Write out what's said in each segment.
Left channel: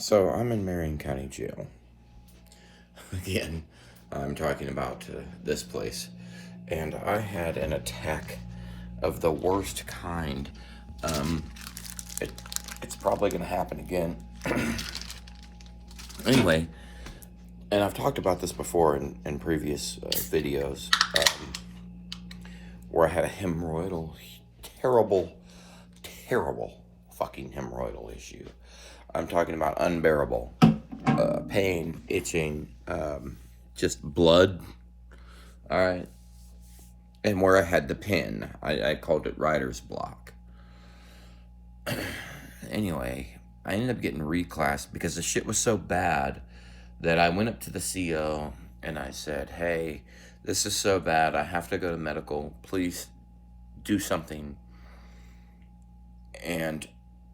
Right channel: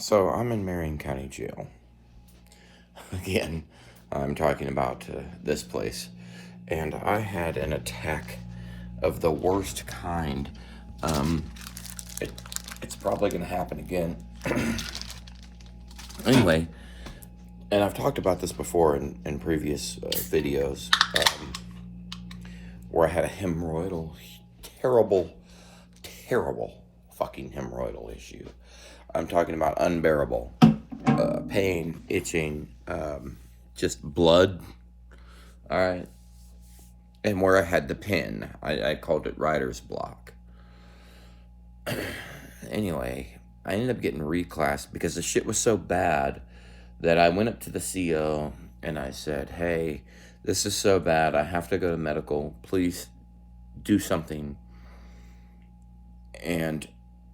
So I'm in Marion County Jail. Again, I'm talking about this place. And I had an attack of the worst kind. Um, it, it's probably going to happen again. Anyway, and I've talked about this before in previous videos, where I had a hemorrhoidal, terrible, terrible fucking hemorrhoidal issue. I'm talking about unbearable pain, itching, just blood. All right. And where I had the pin, I called it writer's block. Anyway, I ended up getting reclassed because the shit was so bad that I went up to the CO and I said, hey, this is so bad. I have to go to medical. Please do something. And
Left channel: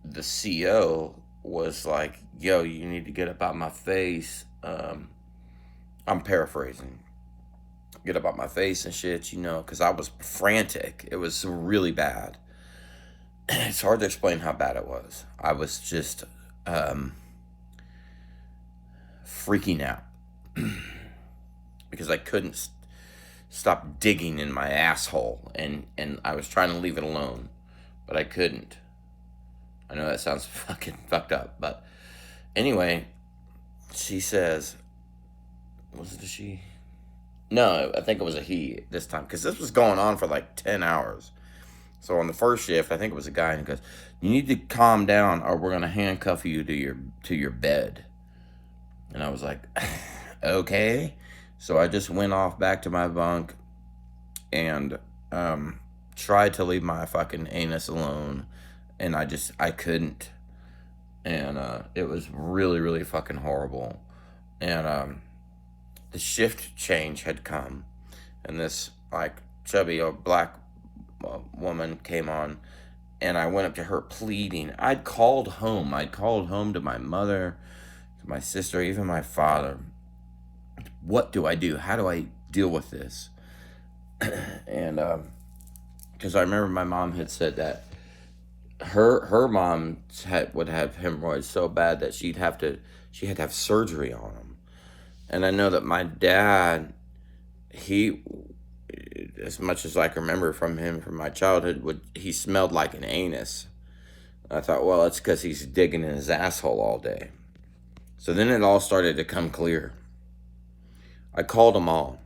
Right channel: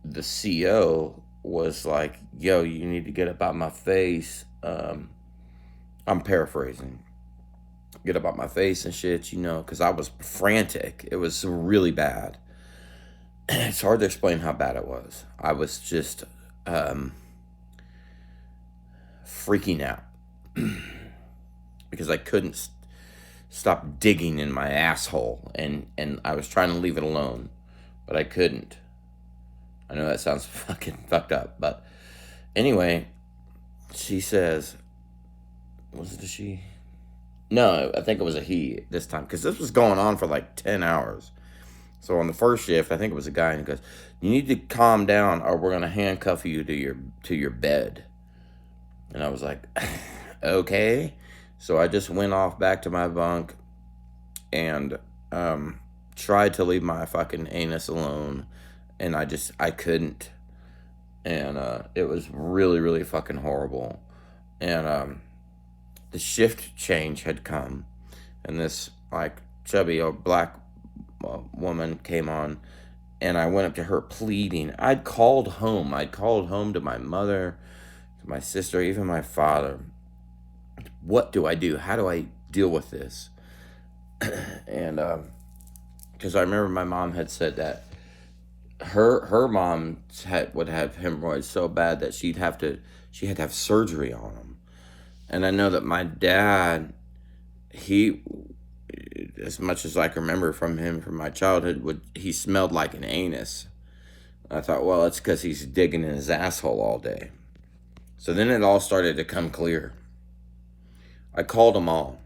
the CO was like, yo, you need to get up out my face. I'm paraphrasing. Get up out my face and shit, because I was frantic. It was really bad. It's hard to explain how bad it was. I was just freaking out because I couldn't stop digging in my asshole, and I was trying to leave it alone, but I couldn't. I know that sounds fucking fucked up, but anyway, she says, was it a she? No, I think it was a he this time, because this was going on for like 10 hours. So on the first shift, I think it was a guy, and he goes, you need to calm down or we're going to handcuff you to your bed. And I was like, okay. So I just went off back to my bunk and tried to leave my fucking anus alone. And I couldn't. And it was really, really fucking horrible. And the shift change had come. And this, like, chubby old black woman came on. And I went up to her pleading. I'd called home. To my mother, to my sister, even my father. What do I do? How do I deal with this? And because I remember my mom had said that her mom would have hemorrhoids so bad that she had to have surgery on them. And I know that my dad, he, as much as I can remember from him from my childhood, he smelled like an anus. I thought, well, it's because he's digging in his asshole all day. So then it all started to come clear. I called them all.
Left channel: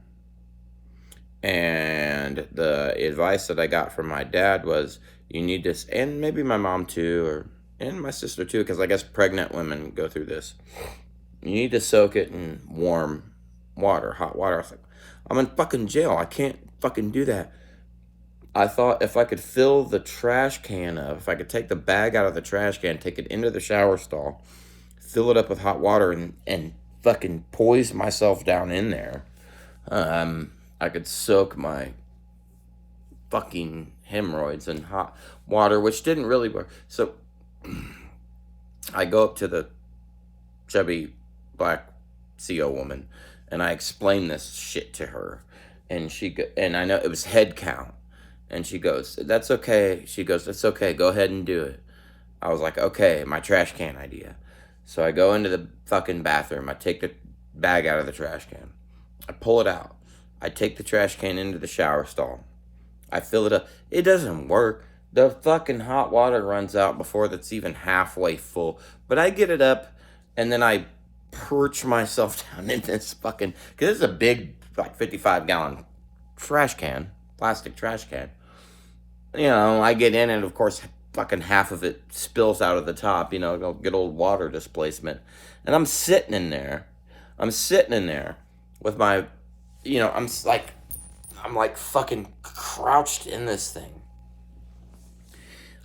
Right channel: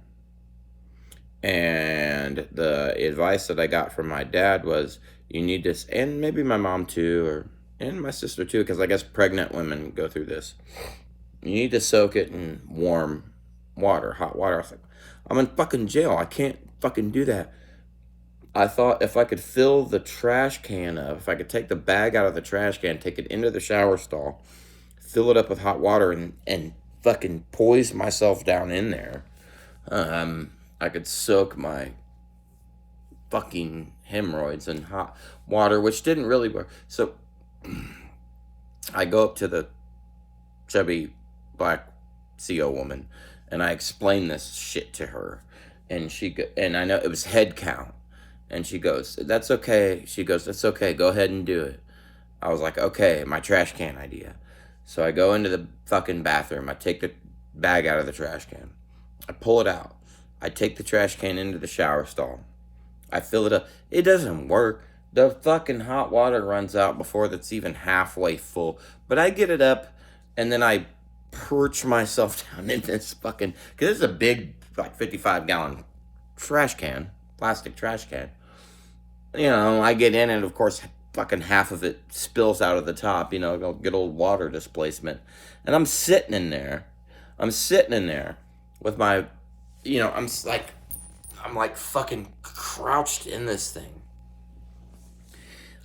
And the advice that I got from my dad was, you need this, and maybe my mom too, and my sister too, because I guess pregnant women go through this. You need to soak it in warm water, hot water. I was like, I'm in fucking jail. I can't fucking do that. I thought if I could fill the trash can up, if I could take the bag out of the trash can, take it into the shower stall, fill it up with hot water, and fucking poise myself down in there, I could soak my fucking hemorrhoids in hot water, which didn't really work. So I go up to the chubby black CO woman and I explain this shit to her, and and I know it was head count, and she goes, that's okay. She goes, that's okay, go ahead and do it. I was like, okay, my trash can idea. So I go into the fucking bathroom. I take the bag out of the trash can. I pull it out. I take the trash can into the shower stall. I fill it up. It doesn't work. The fucking hot water runs out before that's even halfway full. But I get it up, and then I perch myself down in this fucking, because it's a big, like 55-gallon trash can, plastic trash can. I get in, and of course, fucking half of it spills out of the top, good old water displacement. And I'm sitting in there with my, I'm like fucking crouched in this thing.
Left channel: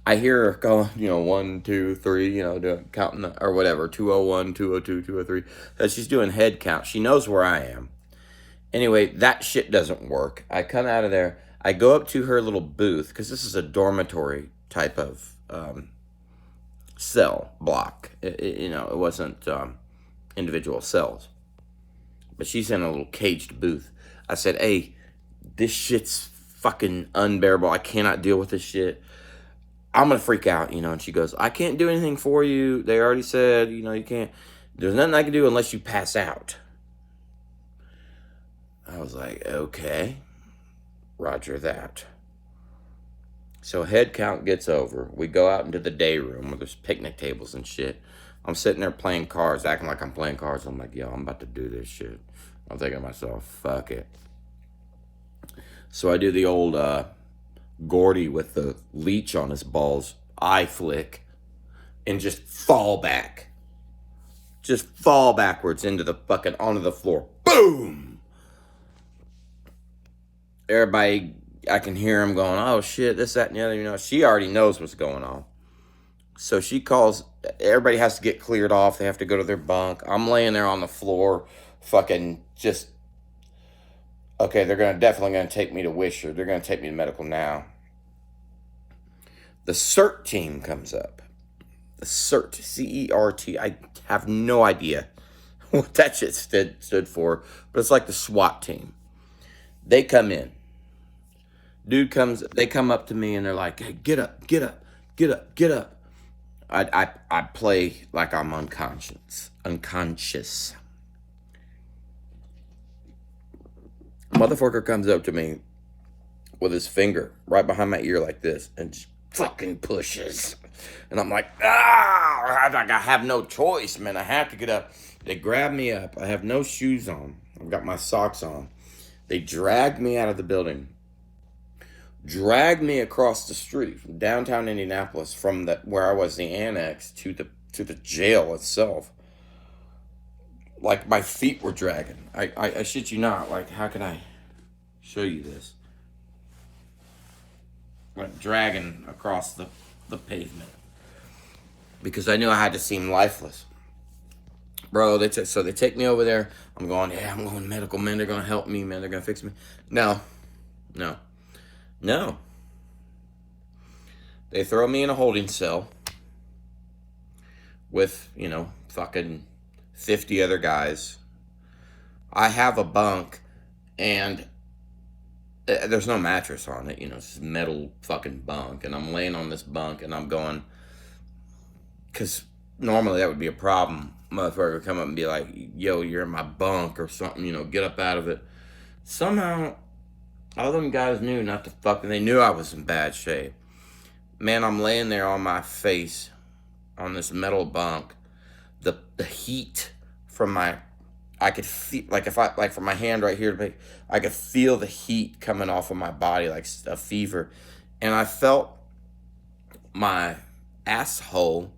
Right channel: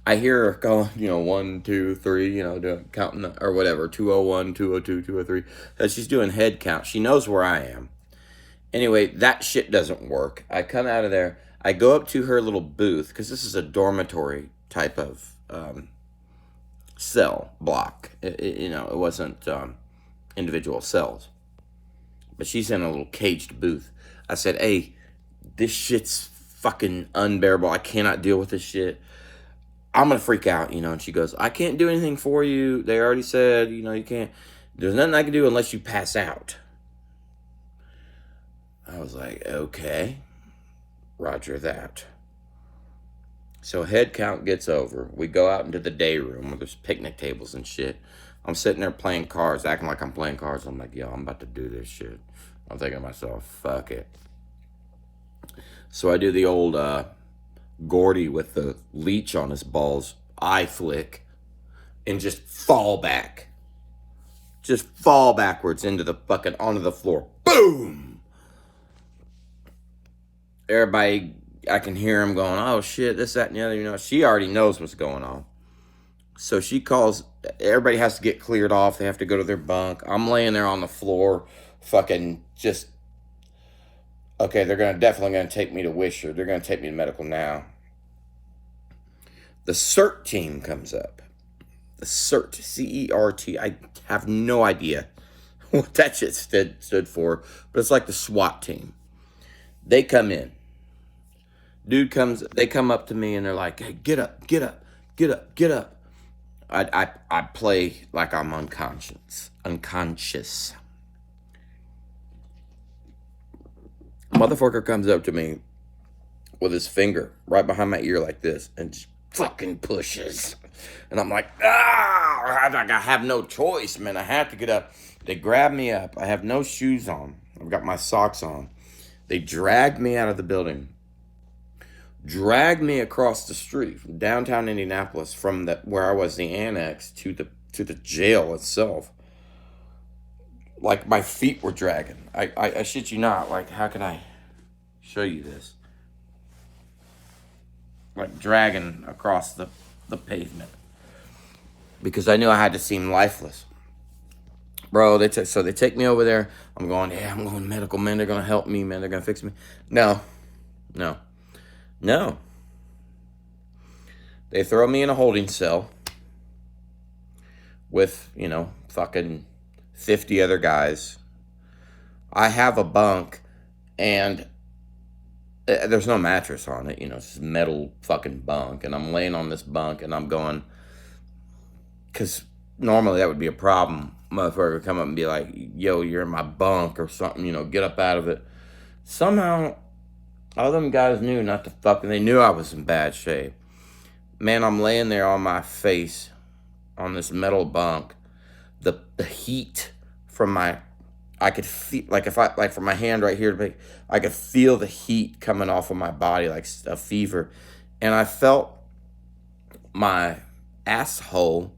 I hear her going, 1, 2, 3, doing counting or whatever, 201, 202, 203. So she's doing head count. She knows where I am. Anyway, that shit doesn't work. I come out of there. I go up to her little booth, because this is a dormitory type of cell block. It wasn't individual cells. But she's in a little caged booth. I said, hey, this shit's fucking unbearable. I cannot deal with this shit. I'm going to freak out, and she goes, I can't do anything for you. They already said, you can't, there's nothing I can do unless you pass out. I was like, okay, roger that. So head count gets over. We go out into the day room where there's picnic tables and shit. I'm sitting there playing cards, acting like I'm playing cards. I'm like, yo, I'm about to do this shit. I'm thinking to myself, fuck it. So I do the old Gordy with the leech on his balls eye flick and just fall back. Just fall backwards into the fucking, onto the floor. Boom! Everybody, I can hear him going, oh shit, this, that, and the other. She already knows what's going on. So she calls, everybody has to get cleared off. They have to go to their bunk. I'm laying there on the floor, fucking just, okay, they're definitely going to take me to Wisher. They're going to take me to medical now. The CERT team comes up. The CERT, C-E-R-T. I have no idea what that shit stood for, but it's like the SWAT team. They come in. They come up to me and they're like, hey, get up, get up, get up, get up. I play like I'm unconscious. Motherfucker comes up to me with his finger right behind my ear like this and just fucking pushes. And I'm like, I have no choice, man. I have to get up. They grab me up. I have no shoes on. I've got my socks on. They dragged me out of the building. Dragged me across the street from downtown Indianapolis, from where I was, the annex, to the jail itself. Like my feet were dragging. I shit you not. Like, how can I show you this? Like dragging across the pavement. Because I knew I had to seem lifeless. Bro, so they take me over there. I'm going, yeah, I'm going to medical, man. They're going to help me, man. They're going to fix me. No. They throw me in a holding cell with, fucking 50 other guys. I have a bunk and there's no mattress on it, it's just metal fucking bunk. And I'm laying on this bunk and I'm going, because normally that would be a problem. Motherfucker would come up and be like, yo, you're in my bunk or something, get up out of it. Somehow, all them guys knew not to fucking, they knew I was in bad shape. Man, I'm laying there on my face on this metal bunk. The heat from I could feel, from my hand right here, I could feel the heat coming off of my body like a fever. And I felt my asshole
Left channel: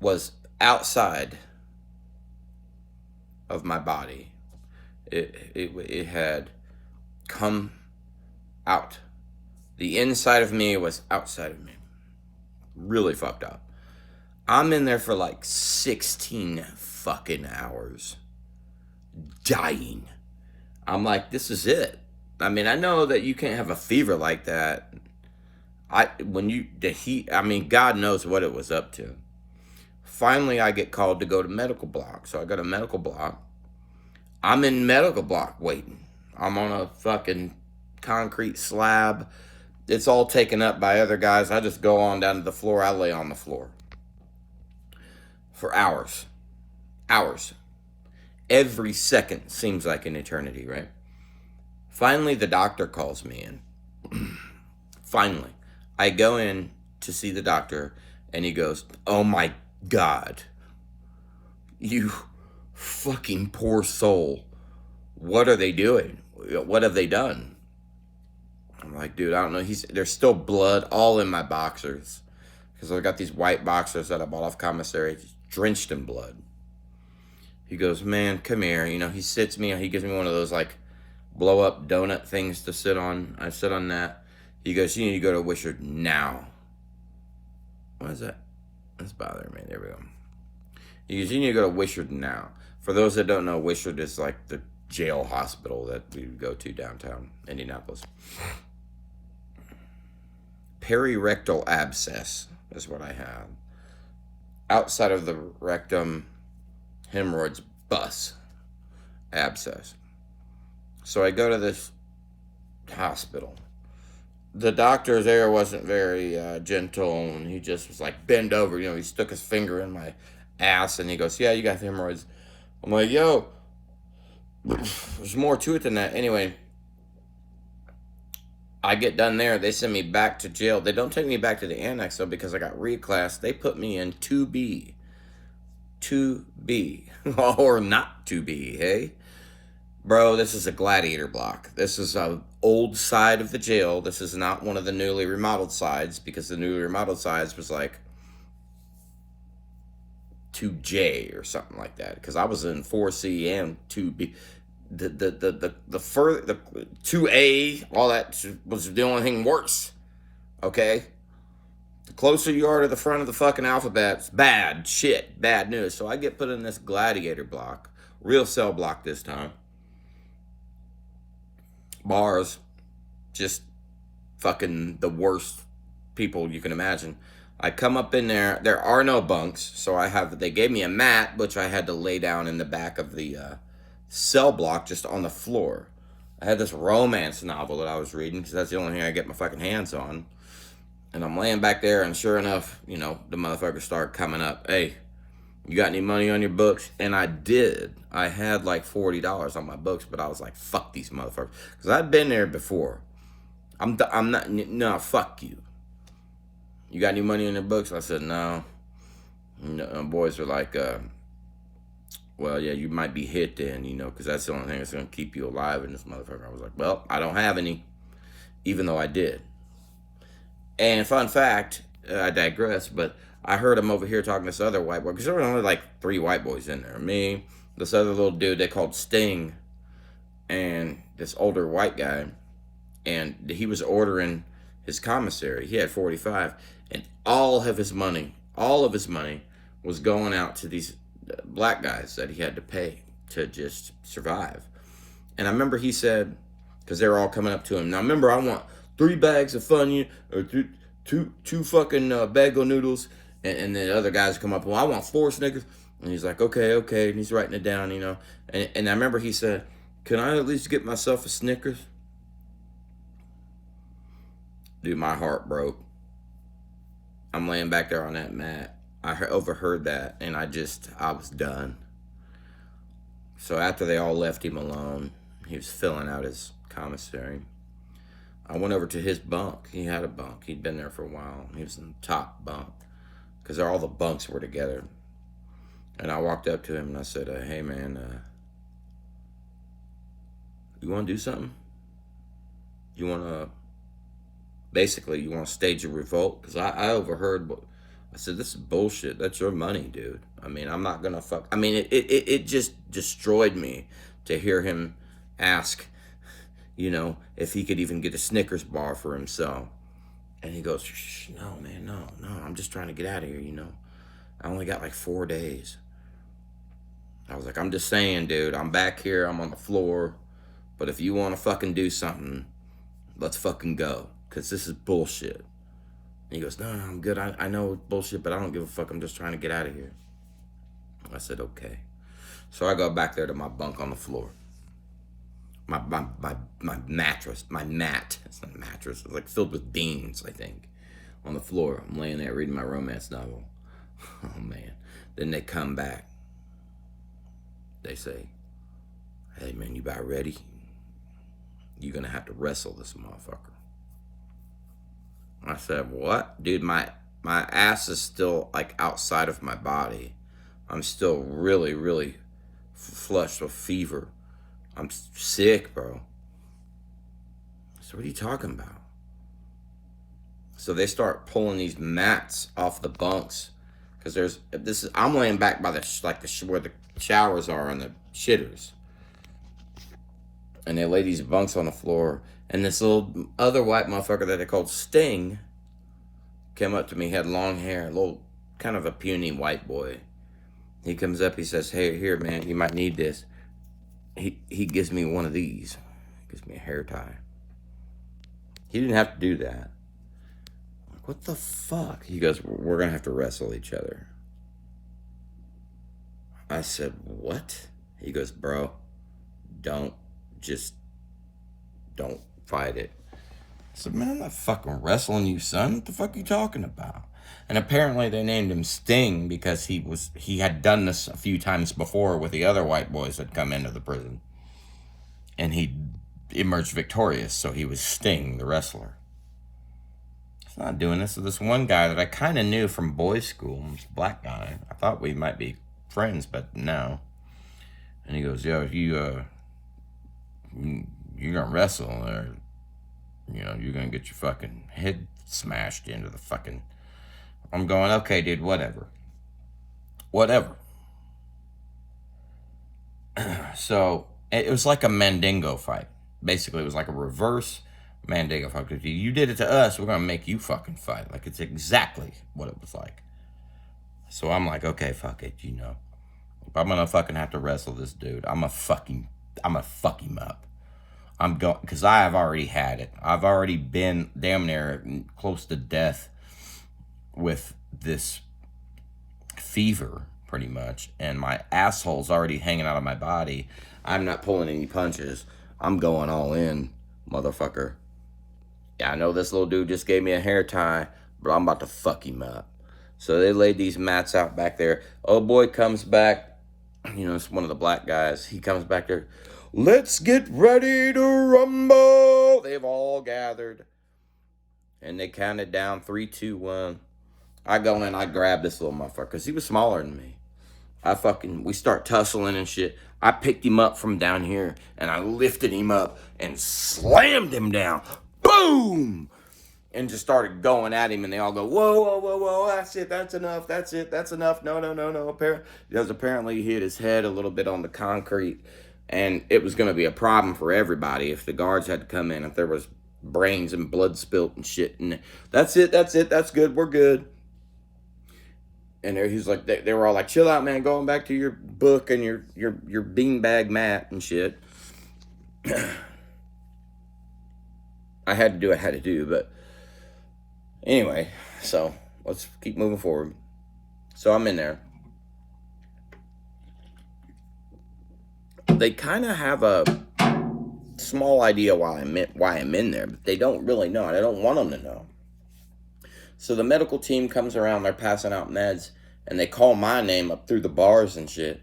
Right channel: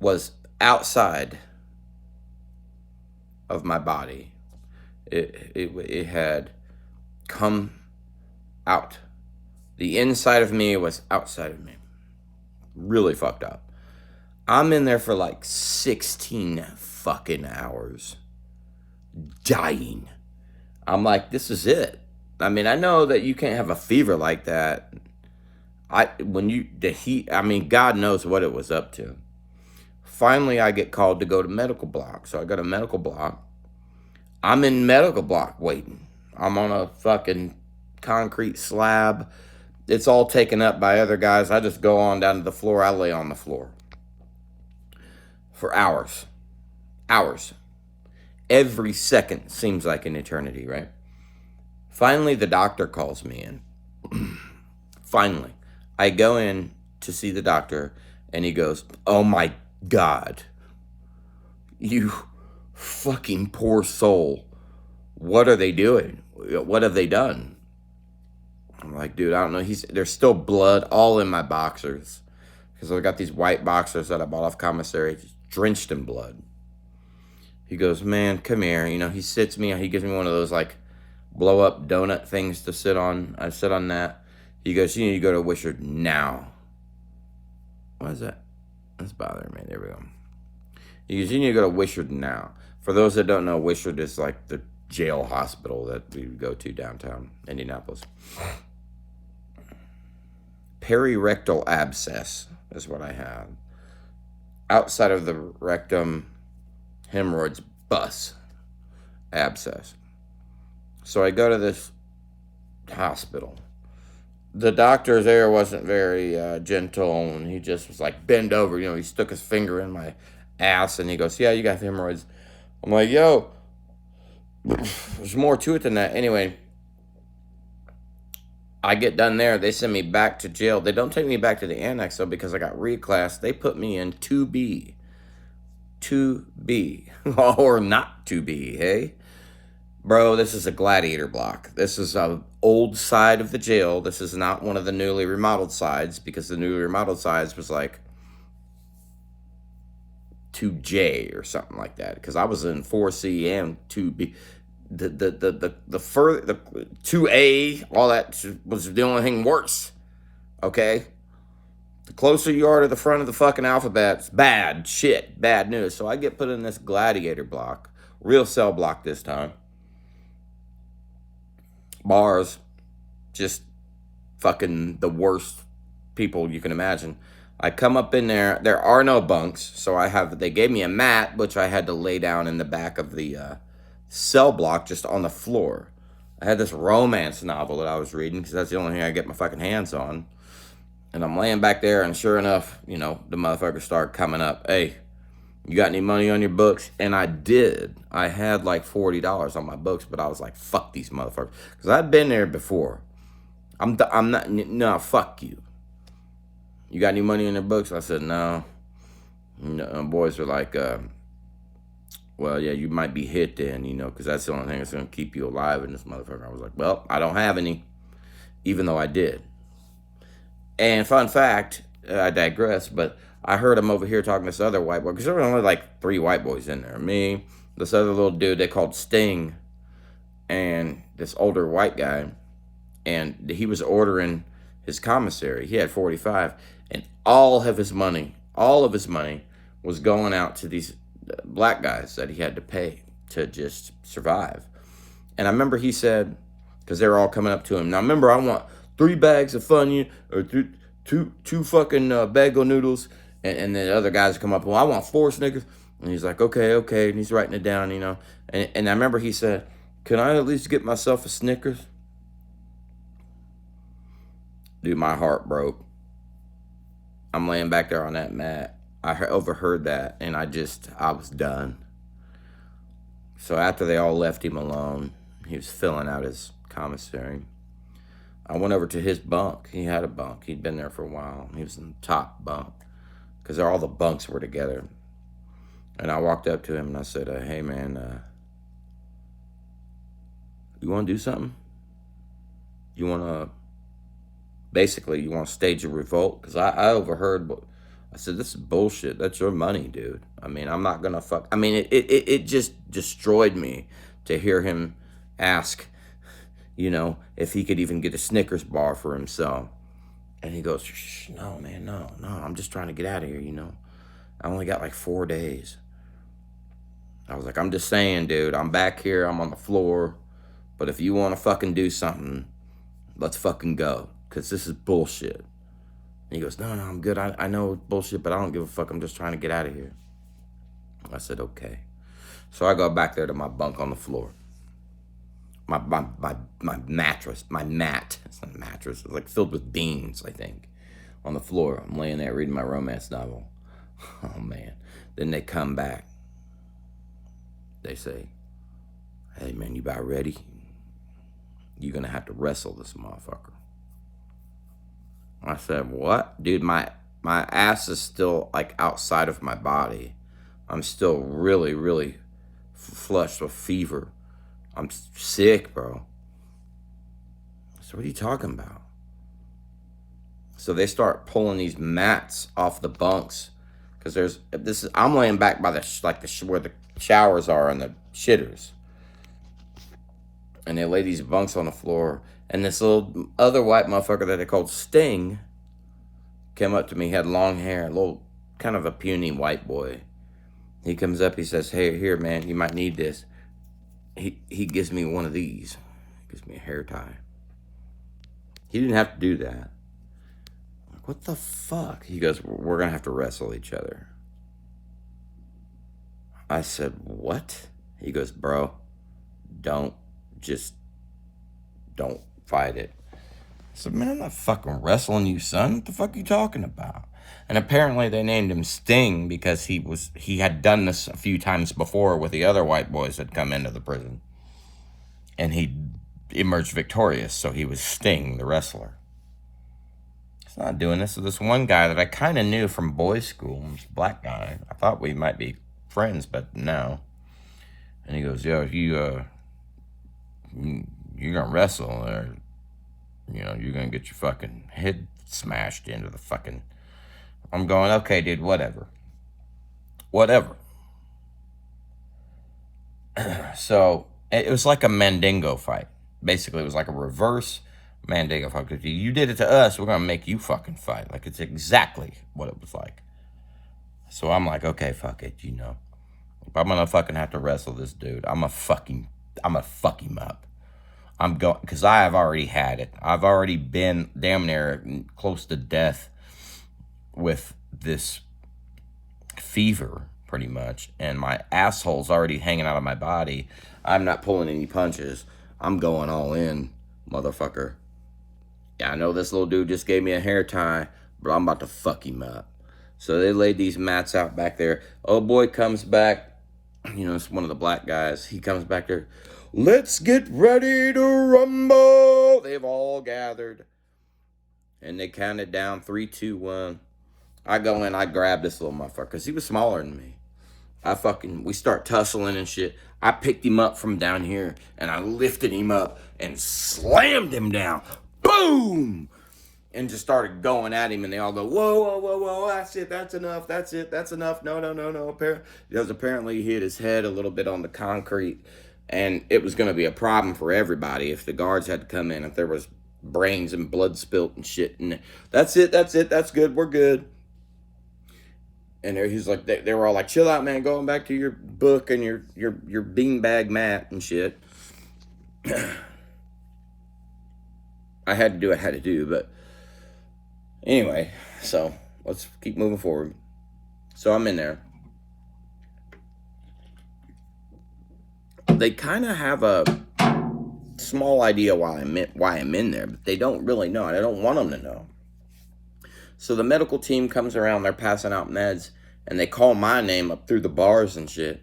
was outside of my body. It had come out. The inside of me was outside of me. Really fucked up. I'm in there for like 16 fucking hours. Dying. I'm like, this is it. I mean, I know that you can't have a fever like that. The heat, God knows what it was up to. Finally, I get called to go to medical block. So I go to medical block. I'm in medical block waiting. I'm on a fucking concrete slab. It's all taken up by other guys. I just go on down to the floor. I lay on the floor for hours. Every second seems like an eternity, right? Finally, the doctor calls me in. Finally, I go in to see the doctor, and he goes, oh my God, you fucking poor soul. What are they doing? What have they done? I'm like, dude, I don't know. There's still blood all in my boxers. Because I got these white boxers that I bought off commissary, drenched in blood. He goes, man, come here. He sits me, he gives me one of those like blow up donut things to sit on. I sit on that. He goes, you need to go to Wishard now. What is that? That's bothering me. There we go. He goes, you need to go to Wishard now. For those that don't know, Wishard is like the jail hospital that we go to downtown Indianapolis. Perirectal abscess is what I have. Outside of the rectum, hemorrhoids, bus, abscess. So I go to this hospital. the doctor there wasn't very gentle, and he just was like, bend over. You know, he stuck his finger in my ass, and he goes, yeah, you got hemorrhoids. I'm like, yo, there's more to it than that. Anyway, I get done there. They send me back to jail. They don't take me back to the annex, though, because I got reclassed. They put me in 2B. 2B. Or not 2B, hey? Bro, this is a gladiator block. This is an old side of the jail. This is not one of the newly remodeled sides, because the newly remodeled sides was like 2J or something like that. Because I was in 4C and 2B. The further, the 2A, all that was the only thing worse. Okay? The closer you are to the front of the fucking alphabet, it's bad shit, bad news. So I get put in this gladiator block, real cell block this time. Bars, just fucking the worst people you can imagine. I come up in there. There are no bunks, so they gave me a mat, which I had to lay down in the back of the cell block, just on the floor. I had this romance novel that I was reading, because that's the only thing I get my fucking hands on. And I'm laying back there, and sure enough, you know, the motherfuckers start coming up. Hey, you got any money on your books? And I did. I had like $40 on my books, but I was like, fuck these motherfuckers. Because I've been there before. I'm not, no, fuck you. You got any money in the books? I said, no. And boys are like, well, yeah, you might be hit then, you know, because that's the only thing that's going to keep you alive in this motherfucker. I was like, well, I don't have any, even though I did. And fun fact, I digress, but I heard him over here talking to this other white boy, because there were only like 3 white boys in there. Me, this other little dude they called Sting, and this older white guy, and he was ordering his commissary. He had 45, and all of his money was going out to these black guys that he had to pay to just survive. And I remember he said, because they were all coming up to him, now remember, I want 3 bags of Funyun, or two fucking bag of noodles, and the other guys come up, well, I want 4 Snickers. And he's like, okay, and he's writing it down, you know. And I remember he said, can I at least get myself a Snickers? Dude, my heart broke. I'm laying back there on that mat. I overheard that, and I was done. So after they all left him alone, he was filling out his commissary. I went over to his bunk. He had a bunk. He'd been there for a while. He was in the top bunk, because all the bunks were together. And I walked up to him and I said, hey man, you want to do something? You want to stage a revolt? Because I overheard, I said, this is bullshit. That's your money, dude. I mean, I'm not going to fuck. I mean, it just destroyed me to hear him ask, you know, if he could even get a Snickers bar for himself. And he goes, shh, no, man, no, I'm just trying to get out of here, you know. I only got like 4 days. I was like, I'm just saying, dude, I'm back here, I'm on the floor, but if you want to fucking do something, let's fucking go, because this is bullshit. And he goes, no, I'm good. I know it's bullshit, but I don't give a fuck. I'm just trying to get out of here. I said, okay. So I go back there to my bunk on the floor. My mattress, my mat. It's not a mattress. It's like filled with beans, I think, on the floor. I'm laying there reading my romance novel. Oh, man. Then they come back. They say, hey, man, you about ready? You're going to have to wrestle this motherfucker. I said, what? Dude, my ass is still, like, outside of my body. I'm still really, really flushed with fever. I'm sick, bro. So what are you talking about? So they start pulling these mats off the bunks, because I'm laying back by where the showers are and the shitters. And they lay these bunks on the floor. And this little other white motherfucker that they called Sting came up to me. He had long hair, a little kind of a puny white boy. He comes up, he says, hey, here, man, you might need this. He gives me one of these. He gives me a hair tie. He didn't have to do that. I'm like, what the fuck? He goes, we're going to have to wrestle each other. I said, what? He goes, bro, don't fight it. said, man, I'm not fucking wrestling you, son. What the fuck are you talking about? And apparently they named him Sting because he had done this a few times before with the other white boys that come into the prison. And he emerged victorious, so he was Sting, the wrestler. He's not doing this. So this one guy that I kind of knew from boys' school, this black guy, I thought we might be friends, but no. And he goes, yo, you're gonna wrestle, or you're gonna get your fucking head smashed into the fucking. I'm going, okay, dude, whatever. So it was like a Mandingo fight. Basically, it was like a reverse Mandingo fight. If you did it to us, we're gonna make you fucking fight. Like, it's exactly what it was like. So I'm like, okay, fuck it, If I'm gonna fucking have to wrestle this dude, I'm gonna fuck him up. I'm going, because I have already had it. I've already been damn near close to death with this fever, pretty much, and my asshole's already hanging out of my body. I'm not pulling any punches. I'm going all in, motherfucker. Yeah, I know this little dude just gave me a hair tie, but I'm about to fuck him up. So they laid these mats out back there. Oh boy comes back. It's one of the black guys. He comes back there. Let's get ready to rumble. They've all gathered. And they counted down 3, 2, 1. I go in, I grab this little motherfucker, because he was smaller than me. We start tussling and shit. I picked him up from down here, and I lifted him up and slammed him down. Boom! And just started going at him, and they all go, whoa, whoa, whoa, whoa, that's it, that's enough, that's it, that's enough. No. Apparently he hit his head a little bit on the concrete, and it was going to be a problem for everybody if the guards had to come in, if there was brains and blood spilt and shit. And that's it, that's good, we're good. And he's like, they were all like, chill out, man, going back to your book and your beanbag mat and shit. I had to do, but anyway, so let's keep moving forward. So I'm in there. They kind of have a small idea why I'm in there, but they don't really know, and I don't want them to know. So the medical team comes around, they're passing out meds, and they call my name up through the bars and shit.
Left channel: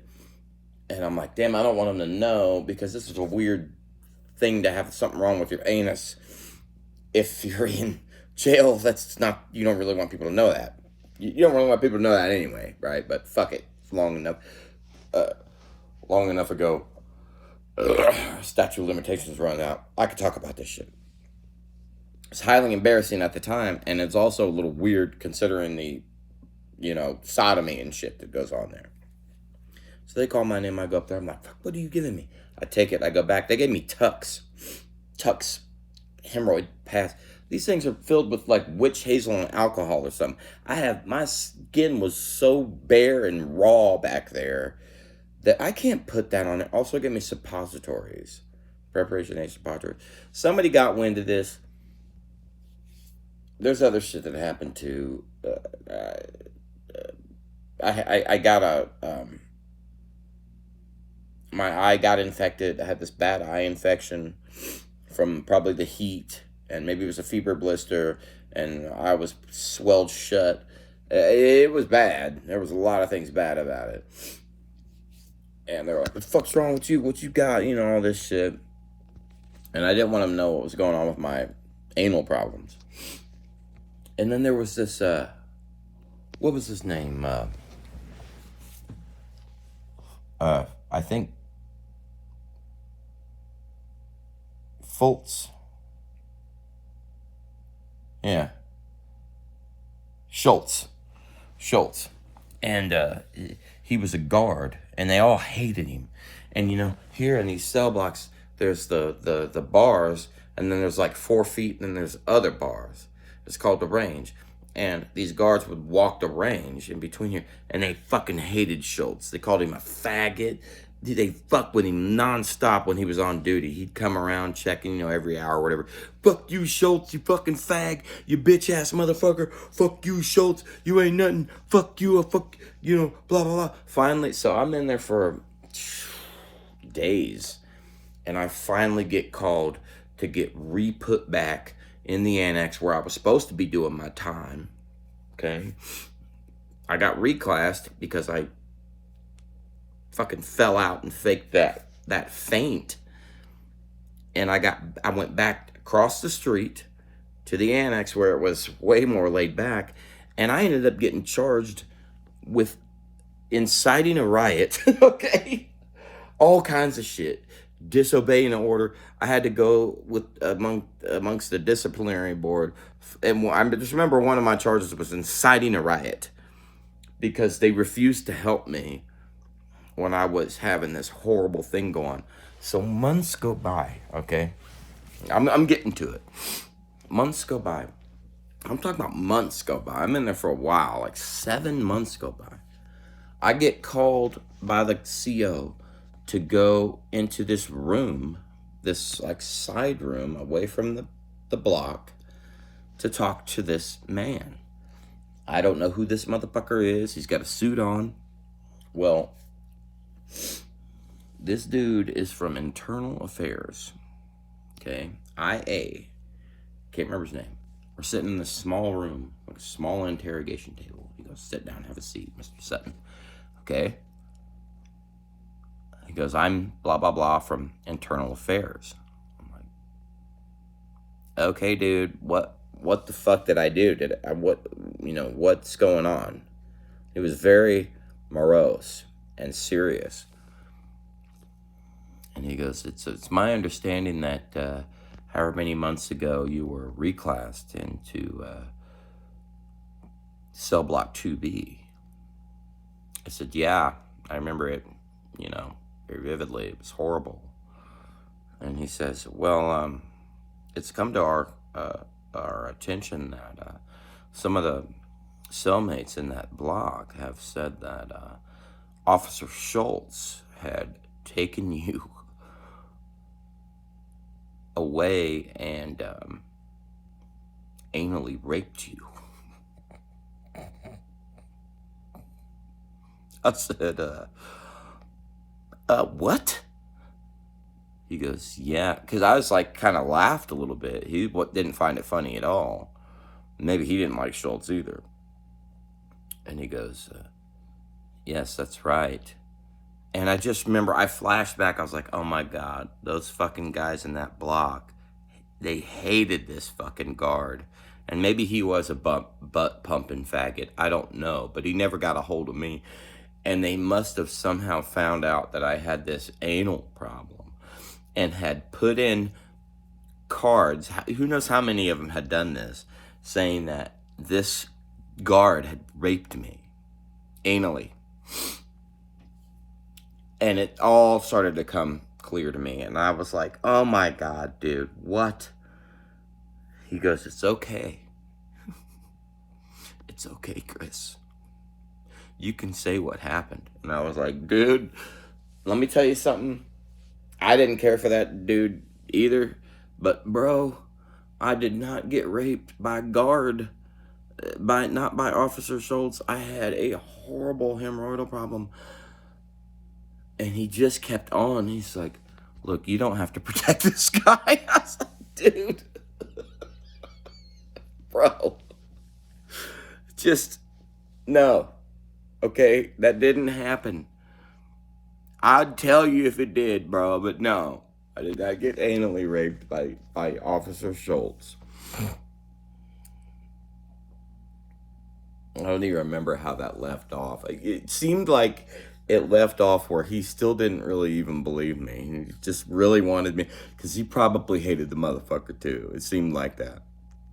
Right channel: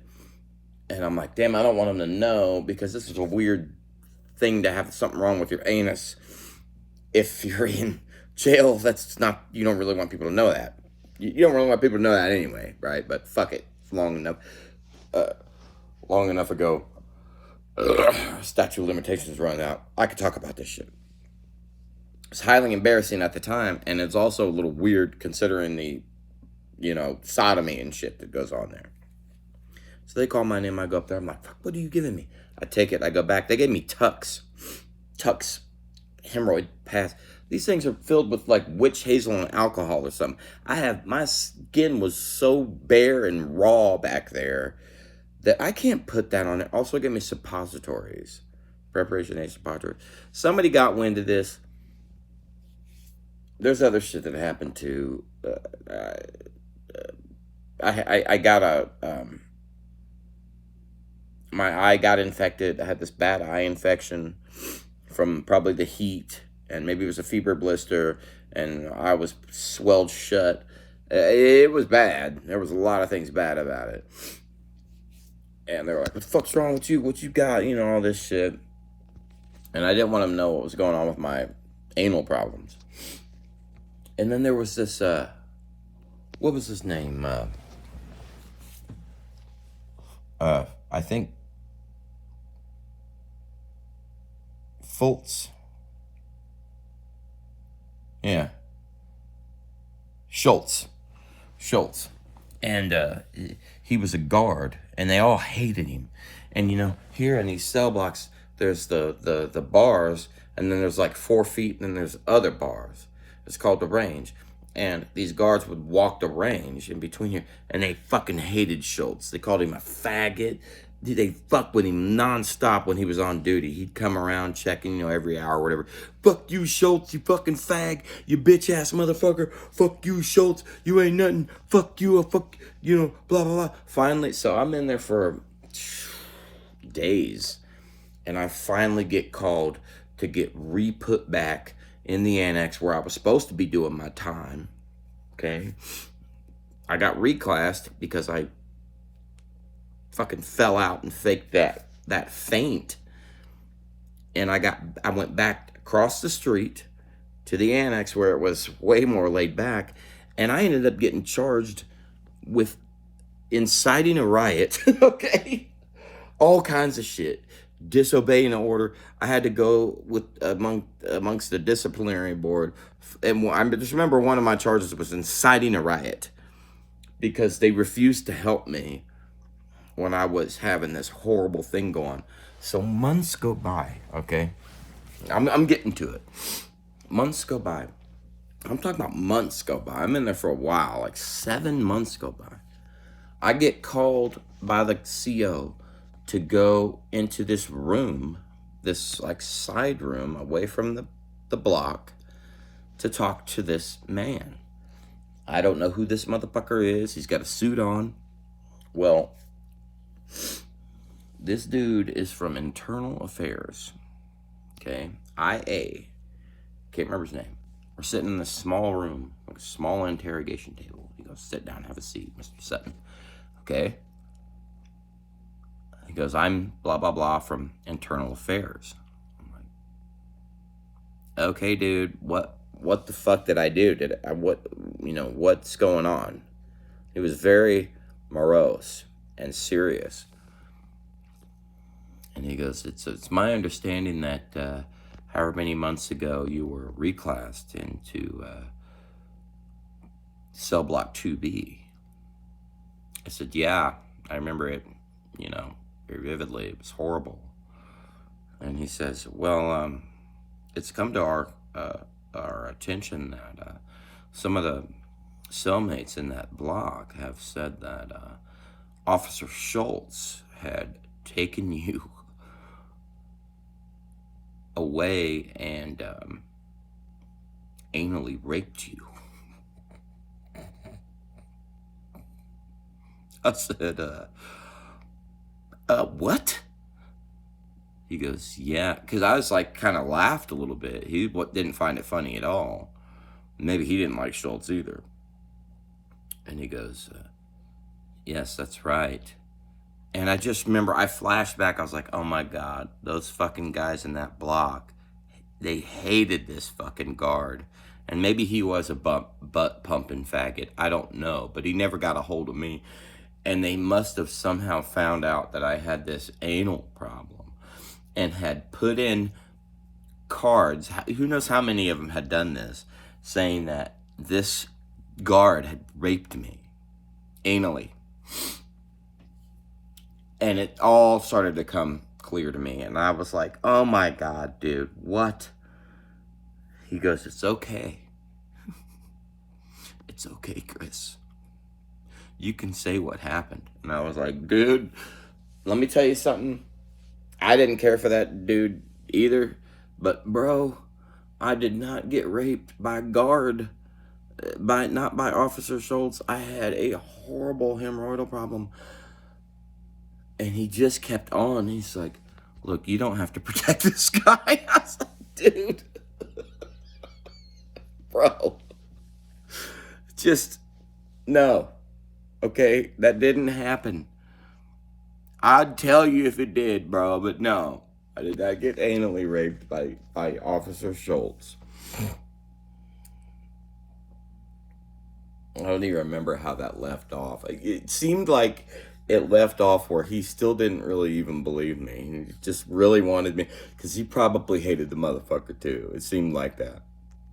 And I'm like, damn, I don't want them to know, because this is a weird thing to have something wrong with your anus. If you're in jail, you don't really want people to know that. You don't really want people to know that anyway, right? But fuck it, it's long enough ago. Statute of limitations run out. I could talk about this shit. It's highly embarrassing at the time, and it's also a little weird considering the, sodomy and shit that goes on there. So they call my name, I go up there, I'm like, fuck, what are you giving me? I take it, I go back, they gave me Tucks, hemorrhoid pass. These things are filled with like witch hazel and alcohol or something. My skin was so bare and raw back there that I can't put that on it. Also gave me suppositories, preparation A suppositories. Somebody got wind of this. There's other shit that happened too. I got my eye got infected. I had this bad eye infection from probably the heat, and maybe it was a fever blister, and I was swelled shut. It was bad. There was a lot of things bad about it. And they were like, what the fuck's wrong with you? What you got? All this shit. And I didn't want them to know what was going on with my anal problems. And then there was this, what was his name? I think Fultz. Yeah. Shultz. And he was a guard, and they all hated him. And here in these cell blocks, there's the bars, and then there's like 4 feet, and then there's other bars. It's called the range. And these guards would walk the range in between here, and they fucking hated Shultz. They called him a faggot. They fucked with him nonstop when he was on duty. He'd come around checking, every hour or whatever. Fuck you, Shultz, you fucking fag, you bitch ass motherfucker. Fuck you, Shultz, you ain't nothing. Fuck you, fuck, blah, blah, blah. Finally, so I'm in there for days, and I finally get called to get re-put back in the annex where I was supposed to be doing my time. Okay. I got reclassed because I fucking fell out and faked that faint. And I went back across the street to the annex where it was way more laid back. And I ended up getting charged with inciting a riot. Okay. All kinds of shit. Disobeying an order. I had to go with amongst the disciplinary board. And I just remember one of my charges was inciting a riot because they refused to help me when I was having this horrible thing going. So months go by, okay? I'm getting to it. Months go by. I'm talking about months go by. I'm in there for a while, like 7 months go by. I get called by the CO to go into this room, this like side room away from the block, to talk to this man. I don't know who this motherfucker is. He's got a suit on. Well, this dude is from Internal Affairs. Okay. IA. Can't remember his name. We're sitting in this small room, like a small interrogation table. He goes, sit down, have a seat, Mr. Sutton. Okay. He goes, I'm blah, blah, blah from Internal Affairs. I'm like, okay, dude, what the fuck did I do? What's going on? He was very morose and serious. And he goes, it's my understanding that however many months ago you were reclassed into cell block 2B. I said, yeah, I remember it, very vividly. It was horrible. And he says, well, it's come to our attention that some of the cellmates in that block have said that Officer Shultz had taken you away and anally raped you. I said, what? He goes, yeah, because I was like, kind of laughed a little bit. He didn't find it funny at all. Maybe he didn't like Shultz either. And he goes, yes, that's right. And I just remember, I flashed back, I was like, oh my God, those fucking guys in that block, they hated this fucking guard. And maybe he was a butt-pumping faggot, I don't know, but he never got a hold of me. And they must have somehow found out that I had this anal problem and had put in cards, who knows how many of them had done this, saying that this guard had raped me anally. And it all started to come clear to me. And I was like, oh my God, dude, what? He goes, it's okay. It's okay, Chris. You can say what happened. And I was like, dude, let me tell you something. I didn't care for that dude either. But bro, I did not get raped by a guard. Not by Officer Shultz. I had a horrible hemorrhoidal problem. And he just kept on. He's like, look, you don't have to protect this guy. I was like, dude. Bro. Just, no. Okay? That didn't happen. I'd tell you if it did, bro. But no. I did not get anally raped by Officer Shultz. I don't even remember how that left off. It seemed like it left off where he still didn't really even believe me. He just really wanted me, because he probably hated the motherfucker too. It seemed like that.